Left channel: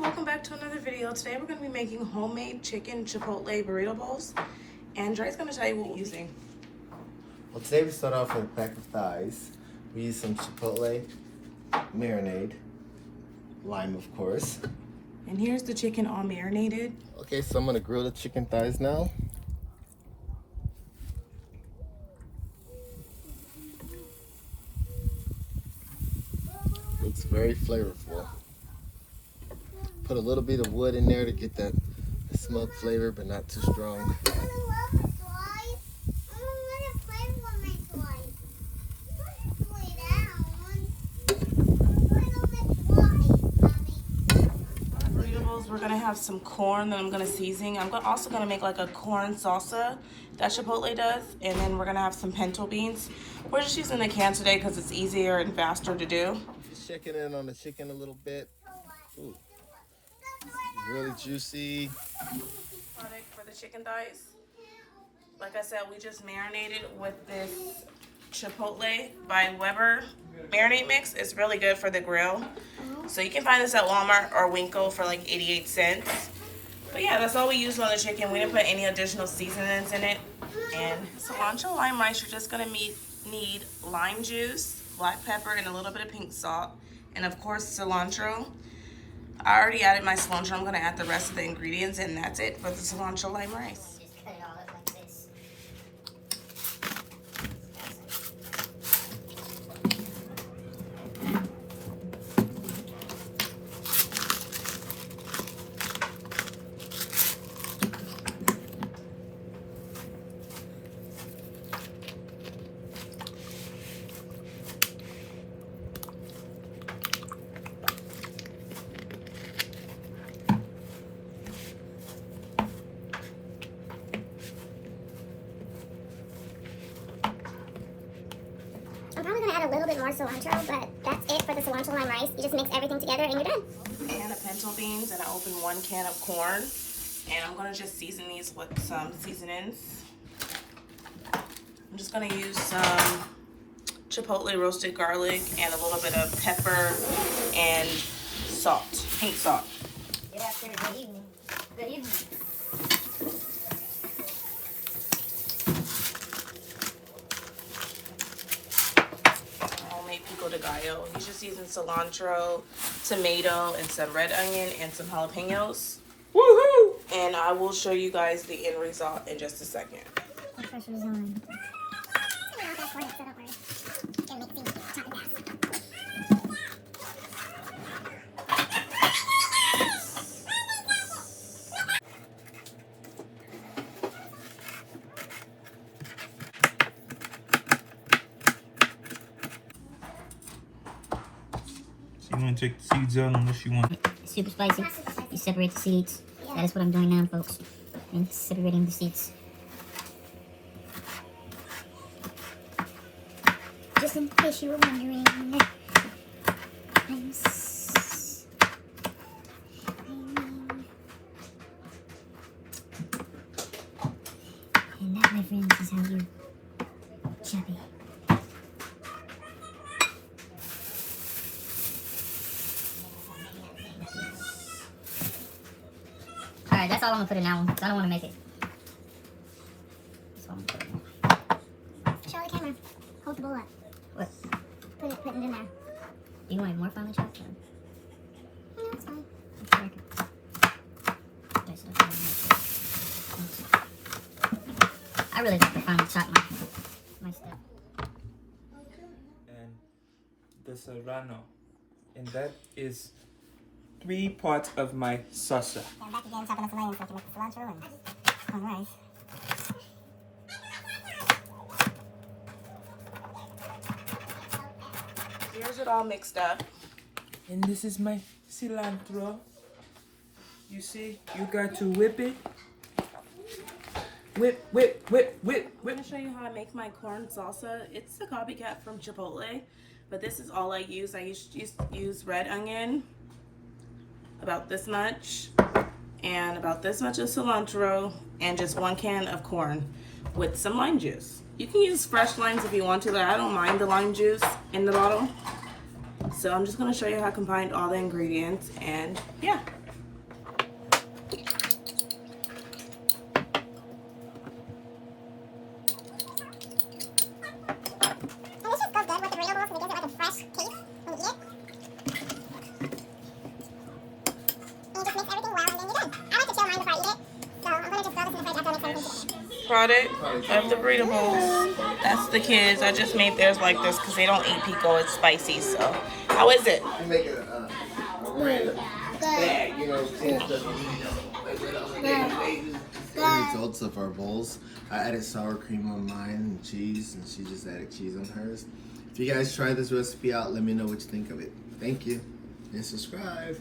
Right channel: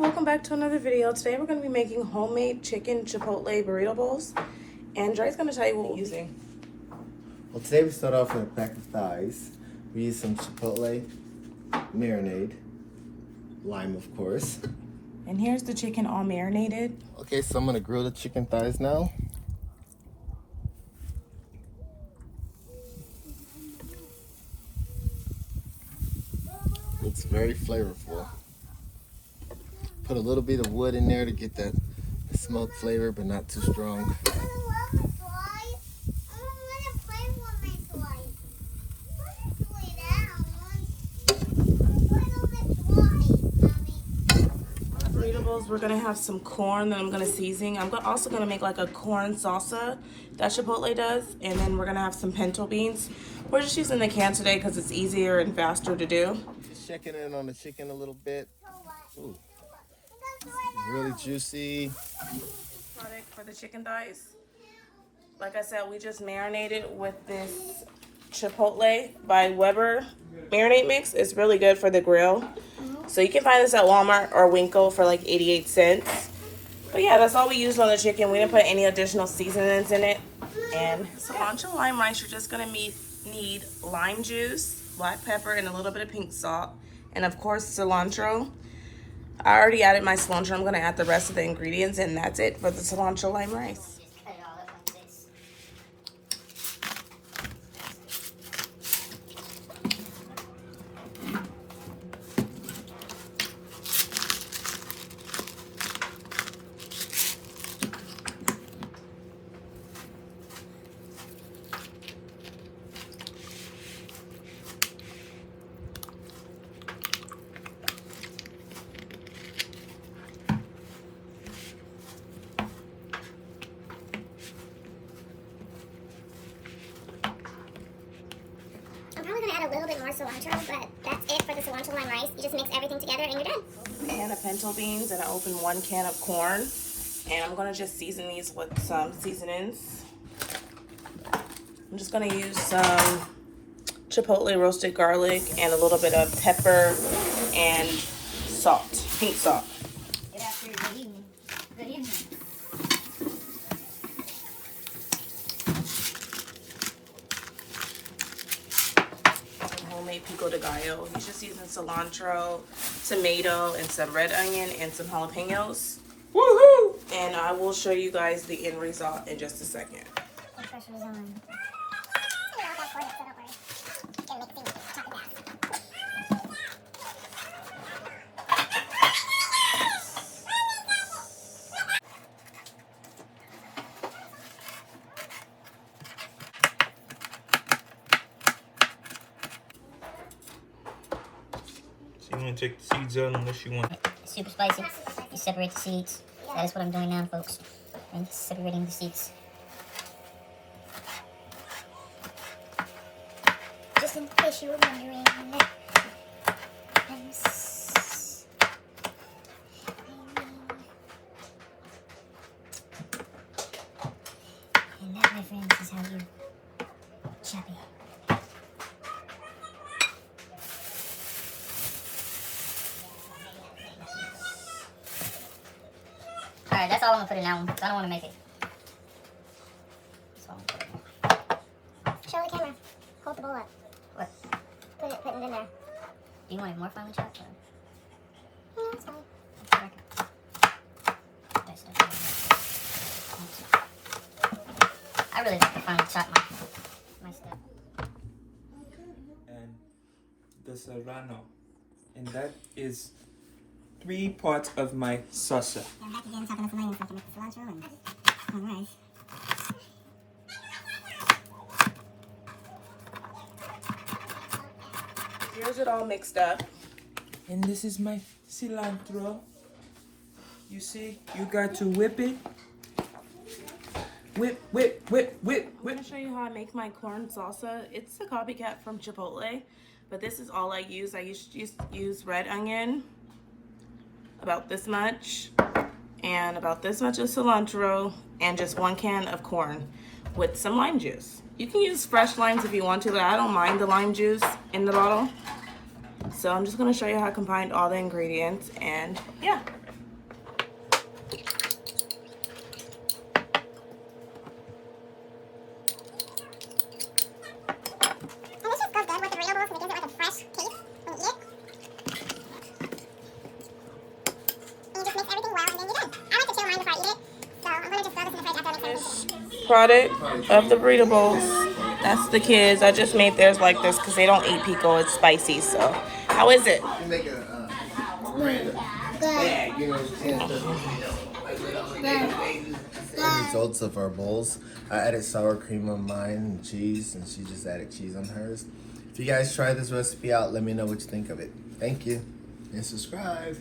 welcome back to another video. Today we're going to be making homemade chicken chipotle burrito bowls, and Dre's going to tell you what we're using. Well, today we start off with a pack of thighs. We use some chipotle marinade, lime of course. And here's the chicken all marinated. Okay, so I'm going to grill the chicken thighs now. Looks very flavorful. Put a little bit of wood in there to get that smoke flavor, but not too strong. Burrito bowls, we're gonna have some corn that I'm gonna season. I'm also gonna make like a corn salsa that Chipotle does, and then we're gonna have some pinto beans. We're just using the can today because it's easier and faster to do. Check it in on the chicken a little bit. Ooh. Really juicy. For the chicken thighs, like I said, we just marinated with this Chipotle by Weber marinade mix. It's really good for the grill. So you can find this at Walmart or Winkle for like 88 cents. But yeah, that's all we used on the chicken. We didn't put any additional seasonings in it. And cilantro lime rice, you're just gonna need lime juice, black pepper, and a little bit of pink salt. And of course, cilantro. I already added my cilantro. I'm gonna add the rest of the ingredients, and that's it for the cilantro lime rice. I'm probably going to add a little bit more cilantro, but that's it for the cilantro lime rice. You just mix everything together and you're done. A can of pinto beans, and I opened 1 can of corn. And I'm going to just season these with some seasonings. I'm just going to use some chipotle roasted garlic and a little bit of pepper and salt, pink salt. Good afternoon. Good evening. Good evening. Homemade pico de gallo. He's just using cilantro, tomato, and some red onion and some jalapenos. Woohoo! And I will show you guys the end result in just a second. The pressure's on. So you want to take the seeds out unless you want. Super spicy. You separate the seeds. That is what I'm doing now, folks. And separating the seeds. Just in case you were wondering. And that, my friends, is how you chop it. Alright, that's all I'm gonna put in that one, because I don't want to make it. That's all I'm gonna put in there. Show the camera. Hold the bowl up. What? Put it in there. Do you want it more finely chopped? Or? Yeah, that's fine. I really like to finely chop my stuff. And the serrano. And that is 3 parts of my salsa. I'm back again chopping up the onions so I can make the cilantro and alright. Here's it all mixed up. And this is my cilantro. You see, you got to whip it. Whip, whip, whip, whip, I'm whip. gonna show you how I make my corn salsa. It's a copycat from Chipotle, but this is all I use. I use red onion, about this much, and about this much of cilantro, and just 1 can of corn with some lime juice. You can use fresh limes if you want to, but I don't mind the lime juice in the bottle. So I'm just gonna show you how I combined all the ingredients, and yeah. product of the burrito bowls. That's the kids. I just made theirs like this because they don't eat pico. It's spicy. So, how is it? You make it you know, the results of our bowls. I added sour cream on mine and cheese, and she just added cheese on hers. If you guys try this recipe out, let me know what you think of it. Thank you, and subscribe.